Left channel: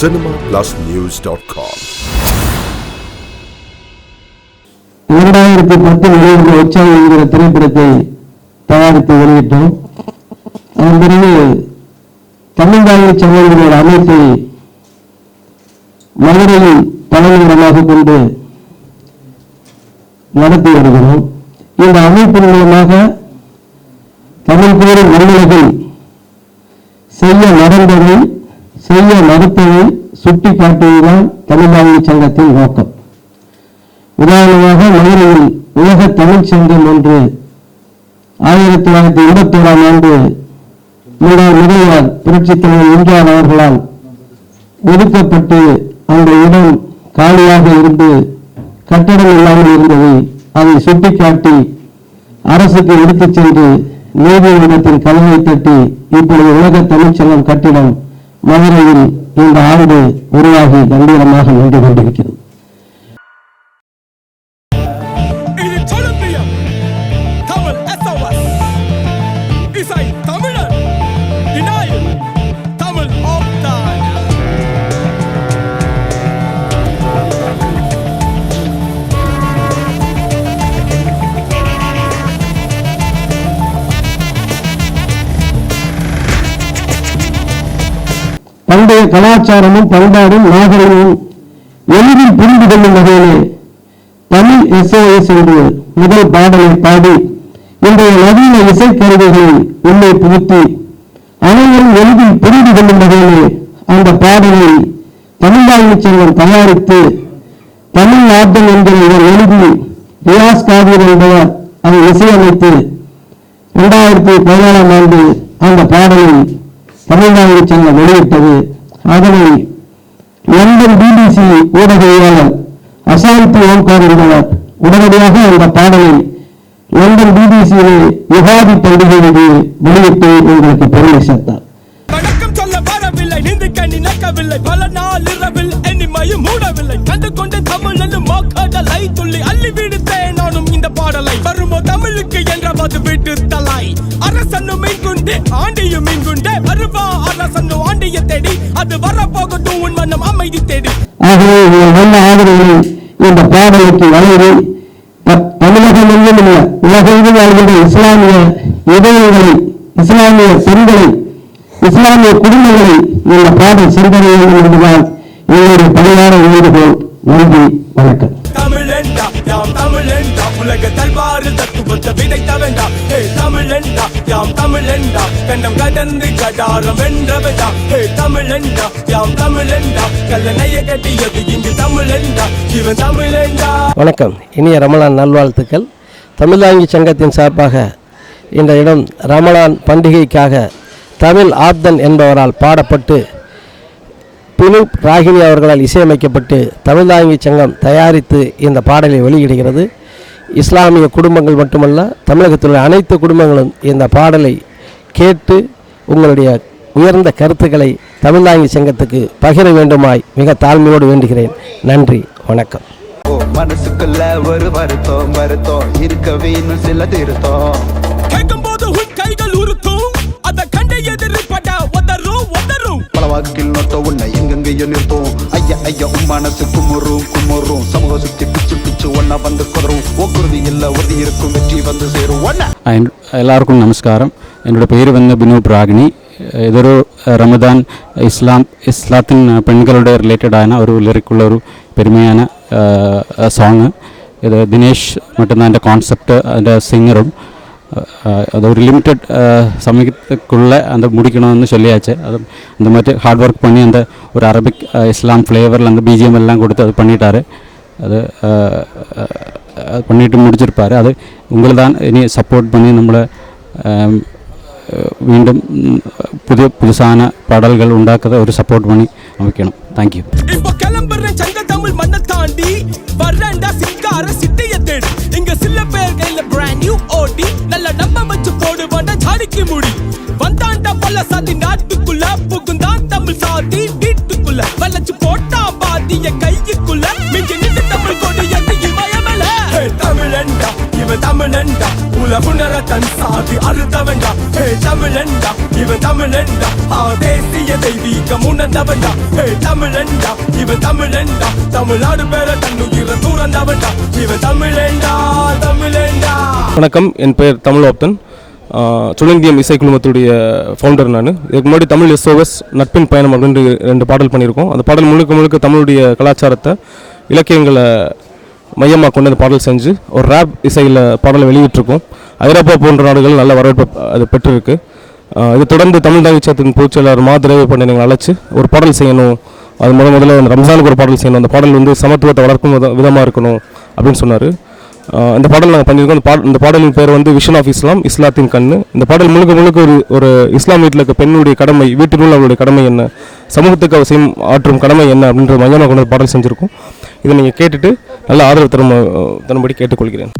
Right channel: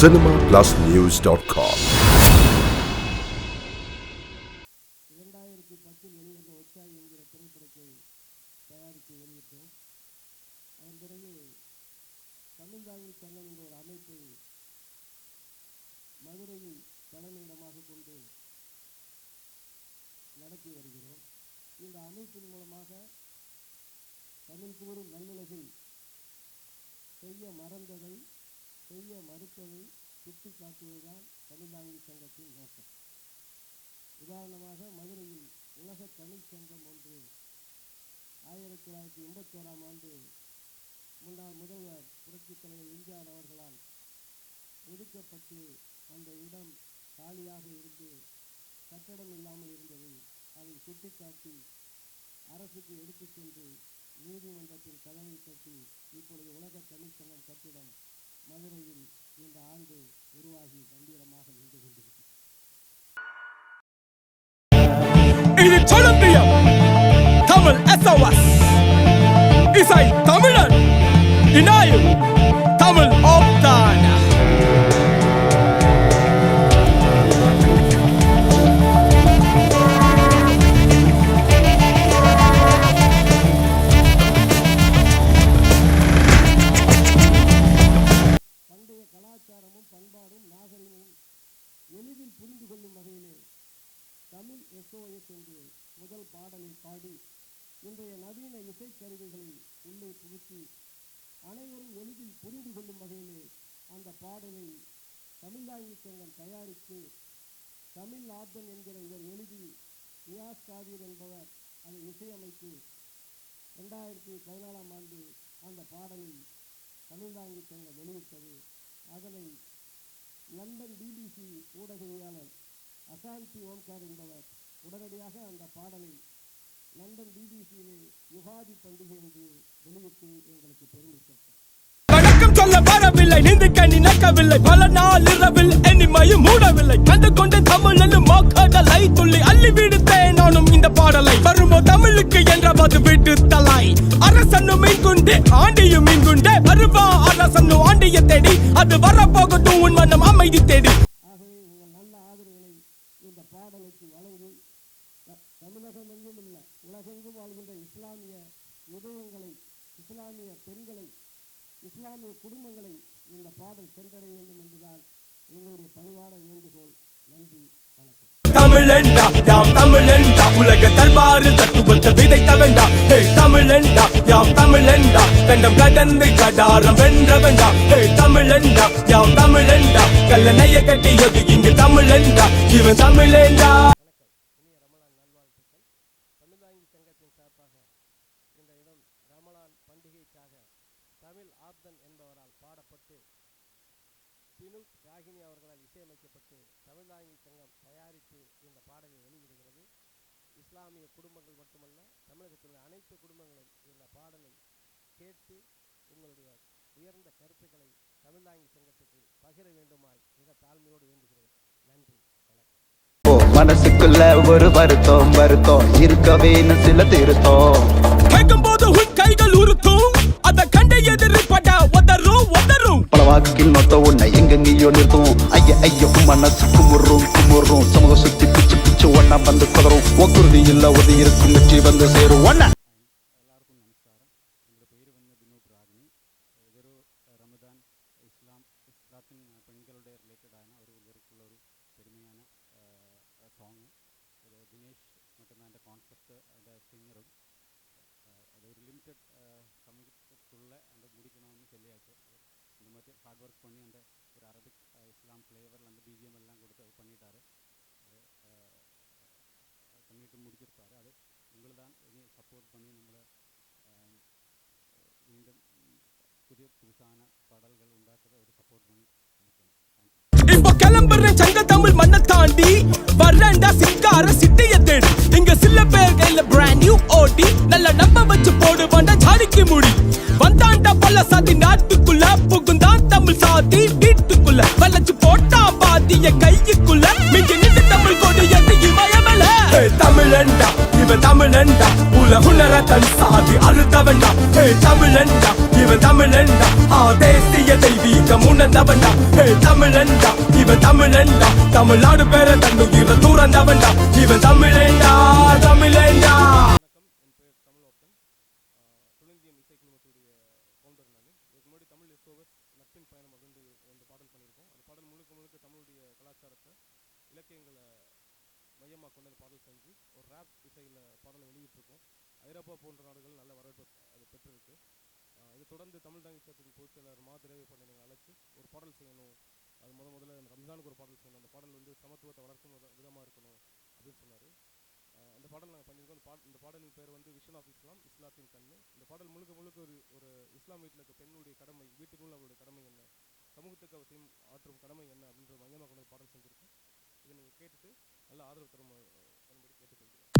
cinemaPlusNews.com. 2010 வெளிவந்த உற்சாகம் என்கிற திரைப்படத்தை தயாரித்து வெளியிட்டோம். அதன் பிறகு தமிழ்நாடு சங்கங்களோட அமைப்பை மதுரையில் தலைநகரமாக கொண்டு நடத்தி வருகிறோம். இந்த அமைப்பின் மூலமாக தமிழ் கூறும் மனிதர்கள் செய்ய நடந்ததை செய்ய மறுத்ததை சுட்டி காட்டுவதுதான் தமிழ்நாடு சங்கத்தின் நோக்கம். உதாரணமாக மதுரையில் உலக தமிழ் சங்கம் ஒன்று 1981ஆம் ஆண்டு முதல்வர் புரட்சித் தலைவர் எம்ஜிஆர் அவர்களால் ஒதுக்கப்பட்டு அந்த இடம் காலியாக இருந்து கட்டடம் இல்லாமல் இருந்ததை அதை சுட்டிக்காட்டி அரசுக்கு எடுத்துச் சென்று நீதிமன்றத்தின் கதவை தட்டி இப்பொழுது உலக தமிழ்ச்சங்கம் கட்டிடம் மதுரையில் இந்த ஆண்டு உருவாகி கம்பீரமாக நின்று கொண்டிருக்கிறது. பண்டைய கலாச்சாரமும் பண்பாடும் நாகரிகமும் எளிதில் புரிந்து கொள்ளும் வகையிலே தமிழ் SOS என்று முதல் பாடலை பாடி இன்றைய நவீன இசைக்கருவிகளை உள்ளே புகுத்தி அனைவரும் எளிதில் புரிந்து கொள்ளும் வகையிலே அந்த பாடலை தமிழ்நாடு சங்கம் தயாரித்து தமிழ் ஆர்டல் என்கிற இவர் எழுதி ரியாஸ் காதீர் என்பவர் அதை இசையமைத்து 2014ஆம் ஆண்டு அந்த பாடலை தமிழ்நாடு சங்கம் வெளியிட்டது. அதனை லண்டன் BBC ஊடகவியலாளர் அசாந்தி ஓம்கார் என்பவர் உடனடியாக அந்த பாடலை லண்டன் BBCயிலே யுகாதி பண்டிகைக்கு வெளியிட்டு எங்களுக்கு பெருமை சேர்த்தார். வணக்கம் சொல்ல வரவில்லை, நின்று கண்ணி நக்கவில்லை, பல நாள் இரவில் எண்ணிமையும் மூடவில்லை, கண்டு கொண்டு தமிழ் மாக்காடலை துள்ளி அள்ளி விடுத்தேன் நானும் இந்த பாடலை. வருமோ தமிழுக்கு என்றவது விட்டு தலை, அரசனும் மீன்குண்டு ஆண்டியும் மீன்குண்டே, வருவா அரசனும் ஆண்டிய தேடி, அது வரப்போகட்டும் உன் மனம் அமைதி தேடி. ஆகவே நல்ல ஆதரவு இந்த பாடலுக்கு வளரி தமிழகம் எங்கும் உள்ள உலகெங்கும் வாழ்கின்ற இஸ்லாமிய இதயங்களை, இஸ்லாமிய பெண்களை, இஸ்லாமிய குடும்பங்களை இந்த பாடல் சென்றடைய வேண்டும் என்பதால் எங்களுடைய பணியாளர் வேண்டுகோள். நன்றி, வணக்கம். தமிழெண்டா யாம் தமிழெண்டா, உலக தல்வாறு தத்துவத்தை விதைத்த வேண்டாம். தமிழெண்டா யாம் தமிழெண்டா, கண்டம் கடந்து கடாரம் வென்ற வேண்டாம். தமிழெண்டா யாம் தமிழெண்டா, கல்லணைய கட்டியது இங்கு தமிழெண்டா, இவன் தமிழெண்டா. வணக்கம், இனிய ரமலான் நல்வாழ்த்துக்கள். தமிழ்நாடு சங்கத்தின் சார்பாக இந்த இடம் ரமலான் பண்டிகைக்காக தமிழ் ஆப்தன் என்பவரால் பாடப்பட்டு பினுப் ராகினி அவர்களால் இசையமைக்கப்பட்டு தமிழ்நாடு சங்கம் தயாரித்து இந்த பாடலை வெளியிடுகிறது. இஸ்லாமிய குடும்பங்கள் மட்டுமல்ல, தமிழகத்தில் உள்ள அனைத்து குடும்பங்களும் இந்த பாடலை கேட்டு உங்களுடைய உயர்ந்த கருத்துக்களை தமிழ்நாடு சங்கத்துக்கு பகிர வேண்டுமாய் மிக தாழ்மையோடு வேண்டுகிறேன். நன்றி, வணக்கம். மனசுக்குள்ள ஒரு வருத்தம் வருத்தம் இருக்கவே சில திருத்தம் கேட்கும் போது உன் கைகள் உருத்தும், அத கண்ட எதிர்பட உதரும் உதரும் பாக்கில் மொத்த உன்னை எங்கெங்கேயோ இருக்கும். ஐயா ஐயோ மனசு குமுறும் குமுறும், சமூக சுத்தி பிச்சு பிச்சு ஒன்னா வந்து குறவும், ஒக்குறுதி இல்ல ஒது இருக்கும் வெற்றி வந்து சேரும். എല്ലാവർക്കും നമസ്കാരം. എൻ്റെ പേര് ബിനൂപ് രാഗിണി. ഇതൊരു റമദാൻ ഇസ്ലാത്തിന് പെൺകളുടെ റിലേറ്റഡ് ആയ ഒരു ലിറിക്കുള്ള ഒരു പെരുമയാണ് സോങ്. ഇത് ദിനേഷ് மட்டும்தான் എൻ്റെ കോൺസെപ്റ്റ്, അതിൻ്റെ സിംഗറും. அது ஒரு லிமிட்டட் சமயத்துக்குள்ளே அந்த முடிக்கணும்னு சொல்லியாச்சு. அது அந்த மாதிரி ஹார்ட் ஒர்க் பண்ணி அந்த ஒரு அரபிக் இஸ்லாம் ஃப்ளேவரில் அந்த BGM எல்லாம் கொடுத்து அது பண்ணிட்டார். அது பண்ணிட்டு முடிச்சிருப்பார். அது உங்களை தான் இனி சப்போர்ட் பண்ணி நம்மளை மீண்டும் புதுசான பாடல்கள் ഉണ്ടാക്കുന്ന ஒரு சப்போர்ட் பண்ணி அமைக்கணும். தேங்க்யூ. இப்போ கிளம்புற சங்க தமிழ் மண்ணை தாண்டி வரண்டா சிங்கார சிட்டைய தேடி, இங்க சில பேர் கையில பிராண்ட் நியூ ஓடி, நல்ல நம்ப வச்சு போடு வந்தா ஜாடிக்கு முடி, வந்தாண்டா பல சாதி நாட்டுக்குள்ள, புகுந்தான் தமிழ் சாதி வீட்டுக்குள்ள, வளைச்சு போட்டா பாதிய கைக்குள்ள, மிஞ்சி நின்று தமிழ் கொடி எட்டு இமயமல. தமிழண்டா இவன் தமிழண்டா உலகுணர தன் சாதி அறுத்தவண்டா தமிழண்டா இவன் தமிழண்டா தேசிய தெய்வீகம் உணர்ந்தவண்டா தமிழண்டா இவன் தமிழண்டா தமிழ்நாடு பேர தன்னுயிர தூரந்தவண்டா இவன் தமிழண்டா தமிழண்டா. வணக்கம், என் பெயர் தமிழோப்தன். சுழந்தியம் இசை குழுமத்துடைய ஃபவுண்டர் நான். இதுக்கு முன்னாடி தமிழ் SOS நட்பின் பயணம் அப்படின்னு 2 பாடல் பண்ணியிருக்கோம். அந்த பாடல் முழுக்க தமிழுடைய கலாச்சாரத்தை இலக்கியங்களை மையமாக கொண்டு அந்த பாடல் செஞ்சு ஒரு ரேப் இசையில் பாடலை வெளியிட்டிருக்கோம். ஐரோப்பா போன்ற நாடுகள் நல்ல வரவேற்பு அது பெற்றிருக்கு. இது தொடர்ந்து தமிழ் தாங்கி சங்கத்தின் பொதுச்செயலாளர் மாதரவி பண்ணி அழைச்சி ஒரு பாடல் செய்யணும், அது முதல்ல ரம்ஜானுக்கு ஒரு பாடல் செய்யணும், அந்த பாடல் சமத்துவத்தை வளர்க்கும் விதமாக இருக்கணும் அப்படின்னு சொன்னார். இந்த பாடல் நாங்கள் பண்ணியிருக்கோம். இந்த பாடலின் பேர் விஷன் ஆஃப் இஸ்லாம், இஸ்லாத்தின் கண்ணு. இந்த பாடல் முழுக்க ஒரு இஸ்லாம் வீட்டில் இருக்க பெண்ணுடைய கடமை, வீட்டினுள்ள அவருடைய கடமை என்ன, சமூகத்துக்கு அவசியம் ஆற்றும் கடமை என்ன அப்படின்ற மையமாக கொண்டு பாடல் செஞ்சுருக்கோம். இதை நீங்கள் கேட்டுட்டு நல்ல ஆதரவு தரும்படி கேட்டுக்கொள்கிறேன்.